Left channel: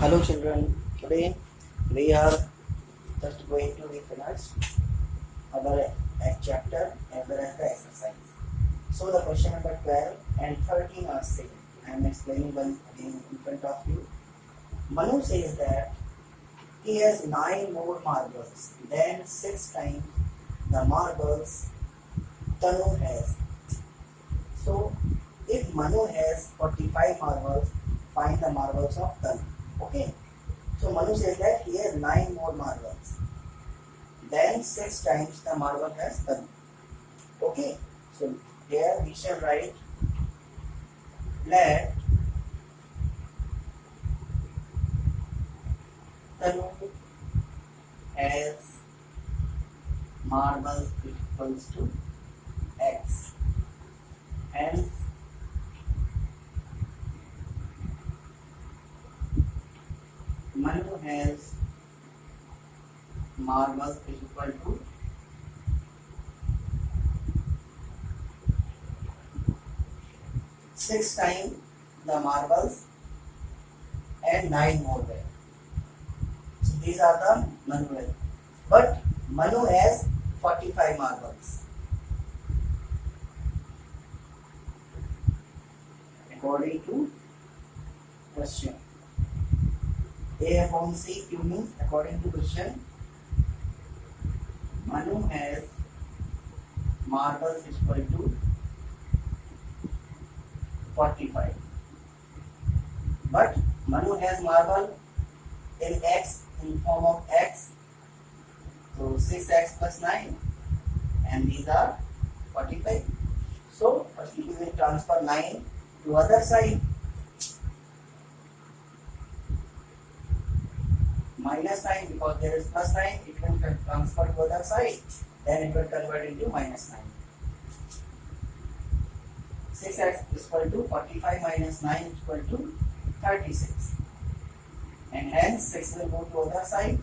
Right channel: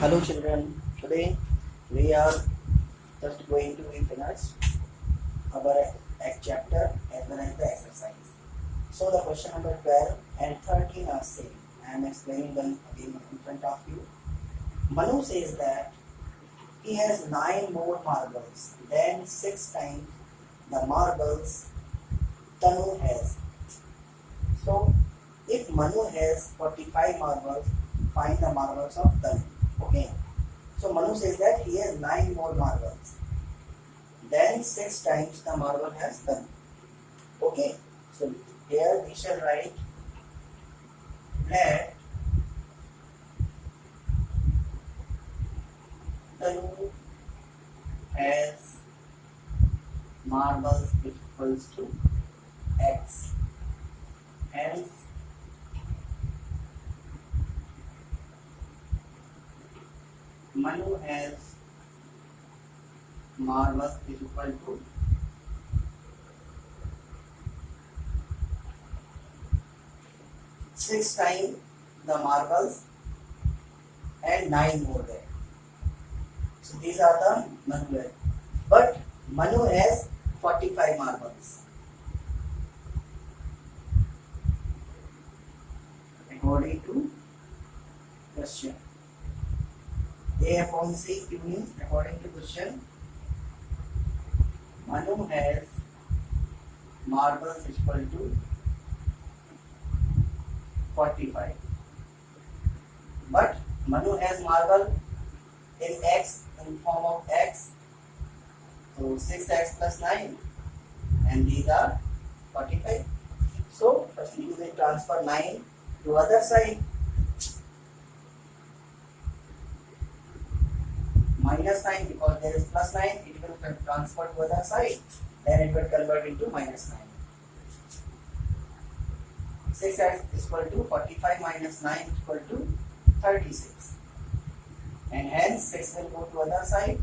Hello children, today we are just going to finish our chapter as well as the exercise. So the question number 12 and 13 are same. I am explaining them again in front of you. Manu says that he has 9 more marbles than 6 times the marbles Tanu has. So if Manu has 45 marbles, find the marbles of Tanu. Okay. So Manu says that he has 9 more marbles. Then 6 times the marble has Tanu. Okay. So here we shall write let Tanu has marbles equals to x. Hence Manu has marbles is equal to 6 times the marbles and 9 more there. So these are the Manu. But Manu has 45 marbles. According to question. A upon C Q means according to question. Manu has marbles equal to 45. But Manu has marble in x, in form of x. So 6x plus 9 and these are 45. So firstly we will transfer 9 to other side. Minus 9 because there is plus 9, it will transfer to other side. Then it will convert into minus 9. 6x is equal to 45 minus 9 is equal to 36. And hence 6 will go to other side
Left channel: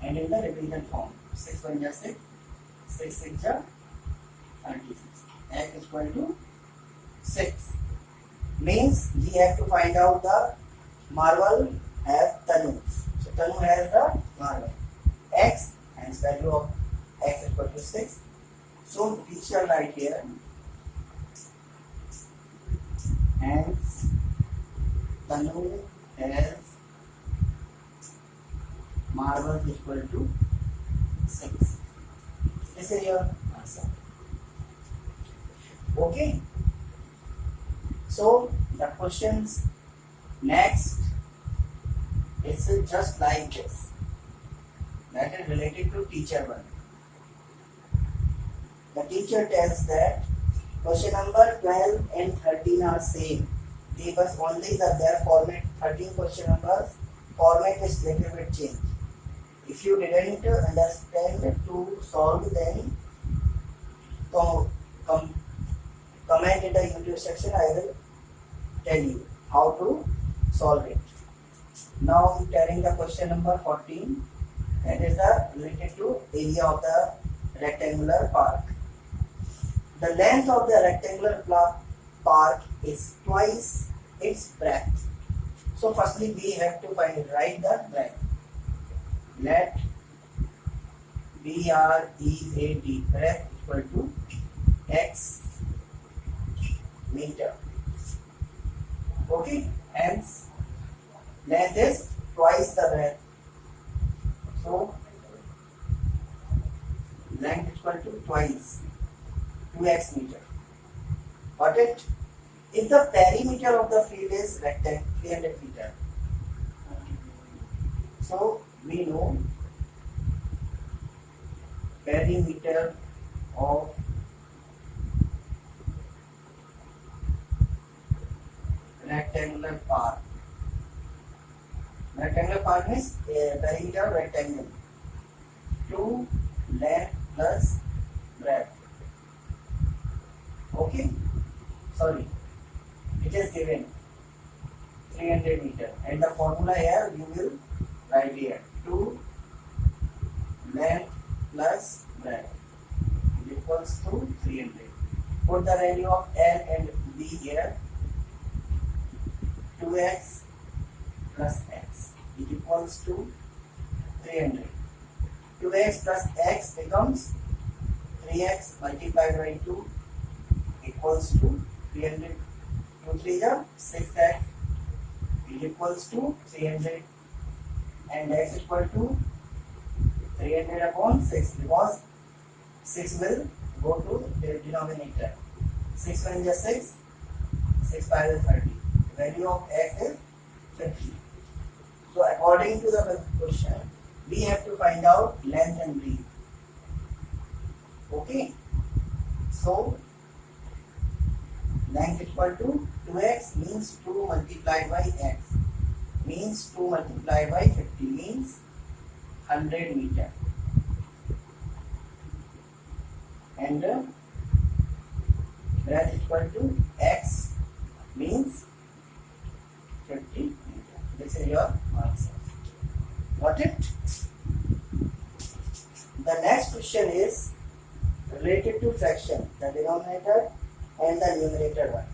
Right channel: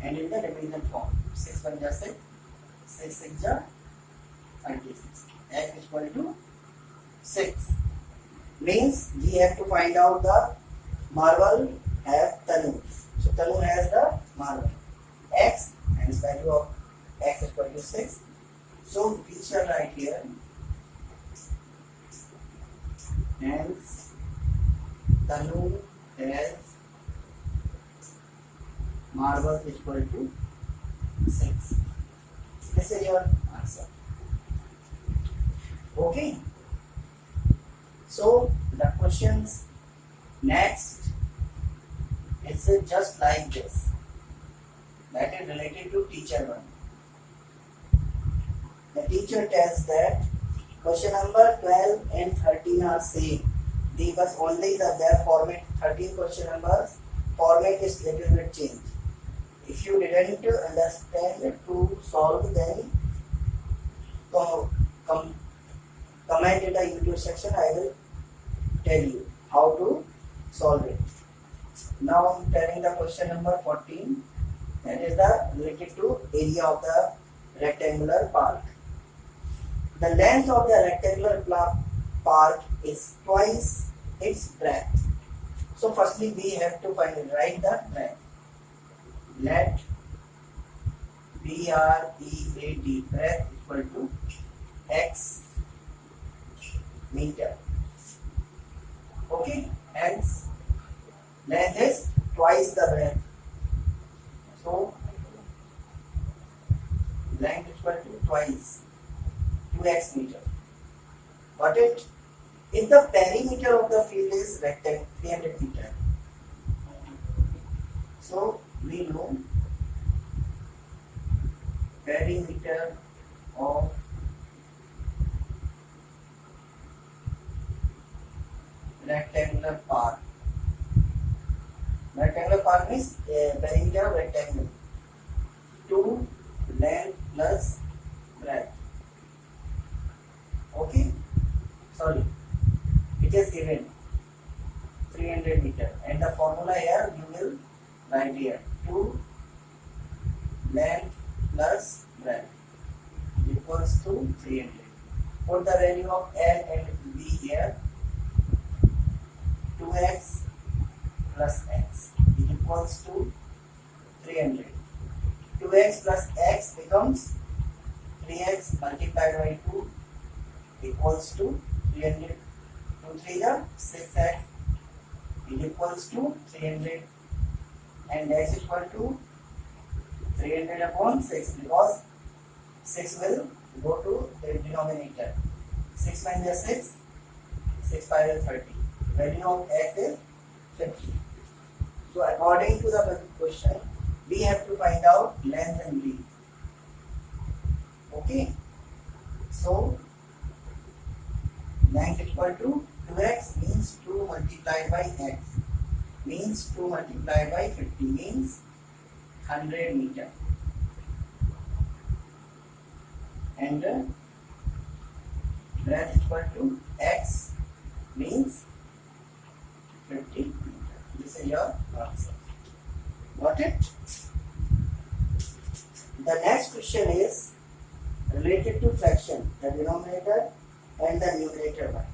and in the division form. 6 1 is 6, 6 6 is 36. X is equal to 6. Means we have to find out the marble have Tanu. So Tanu has the marble x and its value of x is equal to 6. So we shall write here hence Tanu has marble is equal to 6. This is your answer. Okay. So the questions next is just like this. That is related to teacher 1. The teacher tells that question number 12 and 13 are same. They was only their format. 13 question numbers format is little bit changed. If you didn't understand to solve, then comment in the YouTube section. I will tell you how to solve it. Now I am telling the question number 14. That is the related to area of the rectangular park. The length of the rectangular park is twice its breadth. So firstly we have to write the breadth. Let BREAD breadth equal to x meter. Okay, hence length is twice the breadth. So length is equal to twice 2x meter. Got it? If the perimeter of the field is rectangle 300 meter, so we know perimeter of rectangular park. Rectangular park means perimeter of rectangle. 2 length plus breadth. Okay? Sorry. It is given 300 meter. And the formula here you will write here. 2 length plus breadth equals to 300. Put the value of L and B here. 2x plus x is equals to 300. 2x plus x becomes 3x multiplied by 2 equals to 300. 2 3 is 6x is equals to 300, and x equal to 300 upon 6 because 6 will go to the denominator. 6 1 is 6, 6 5 is 30. The value of x is 50. So according to the question, we have to find out length and breadth. Okay. So length equal to 2x means 2 multiplied by x means 2 multiplied by 50 means 100 meter, and breadth equal to x means 50 meter. This is your answer. Got it? The next question is related to fraction, the denominator and the numerator one.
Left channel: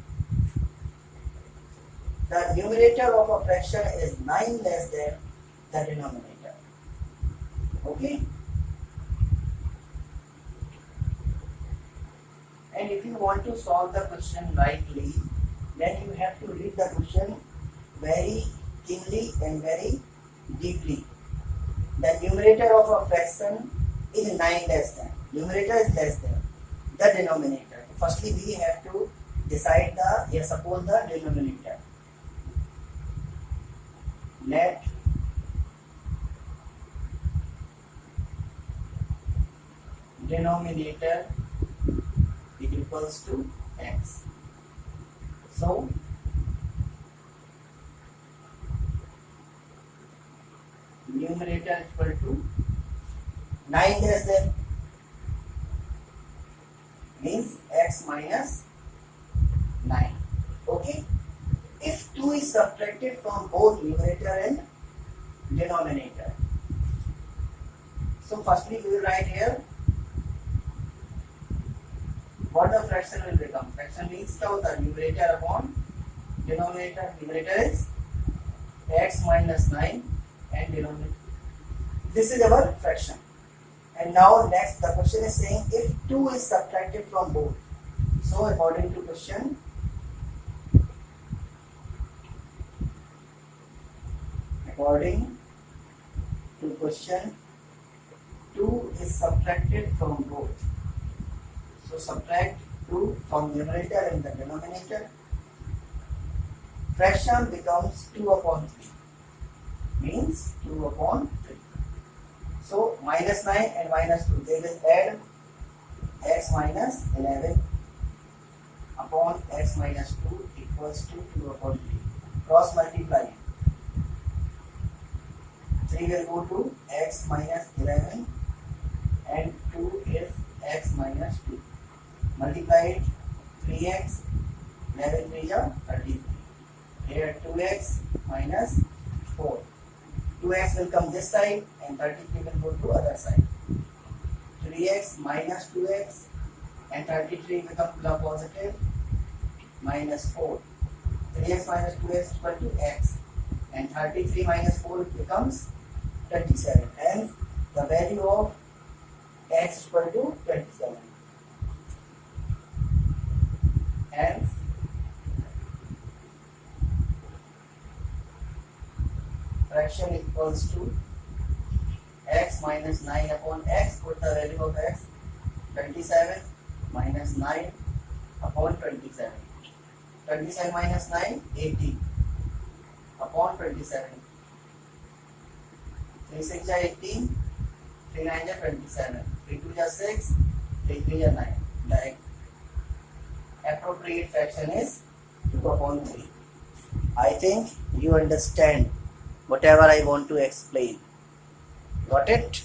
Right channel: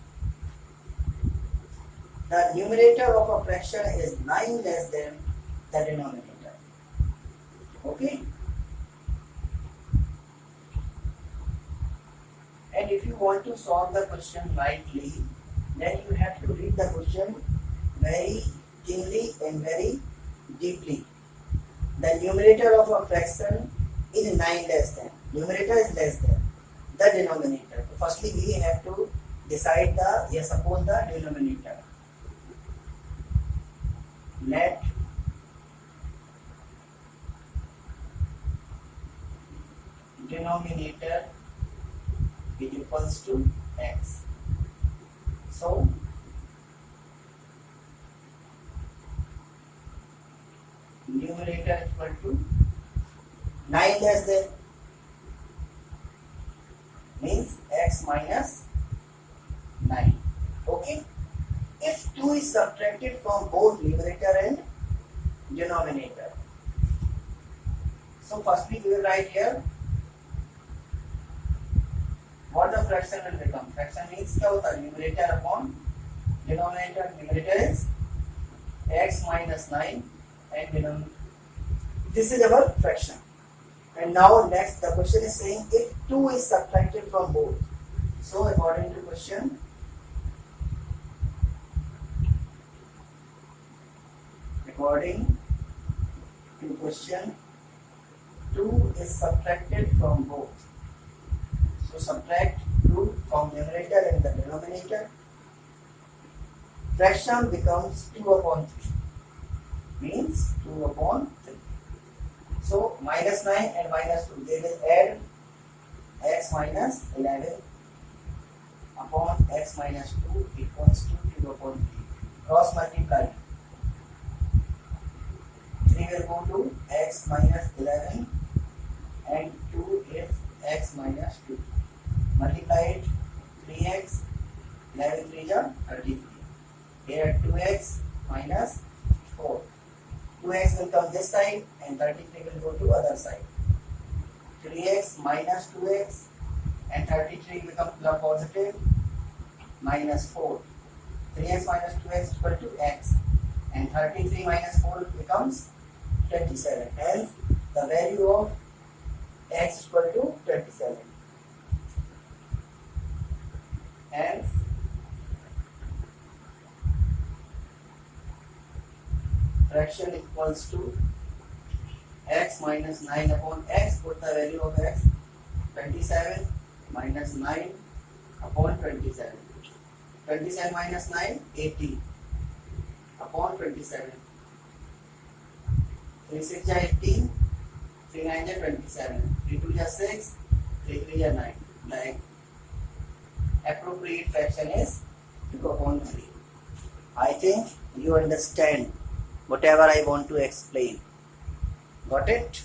The numerator of a fraction is 9 less than the denominator. Okay? And if you want to solve the question rightly, then you have to read the question very keenly and very deeply. The numerator of a fraction is 9 less than. Numerator is less than the denominator. So firstly, we have to decide the yes upon the denominator. Let denominator be equals to x. So numerator equal to 9 less than means x minus 9. Okay. If 2 is subtracted from both numerator and denominator, so firstly we will write here what the fraction will become. Fraction means क्या होता है? Numerator upon denominator. Numerator is x minus 9 and denominator. This is our fraction. And now next the question is saying if 2 is subtracted from both. So according to question, according to question, 2 is subtracted from both. So subtract 2 from numerator and the denominator. Fraction becomes 2 upon 3. Means 2 upon 3. So minus 9 and minus 2, they will add x minus 11 upon x minus 2 equals to 2 upon 3. Cross multiply. 3 will go to x minus 11 and 2 is x minus 2. Multiply it, 3x, 11 3 is 33. Here 2x minus 4. 2x will come this side and 33 will go to other side. 3x minus 2x and 33 become positive minus 4. 3x minus 2x is equal to x and 33 minus 4 becomes 27. Hence the value of x is equal to 27. Hence fraction equals to x minus 9 upon x. Put the value of x, 27 minus 9 upon 27. 27 minus 9, 18 upon 27. 3 6 is 18, 3 9 is 27, 3 2 is 6, 3 3 is 9. Like appropriate fraction is 2 upon 3. I think you understand whatever I want to explain. Got it?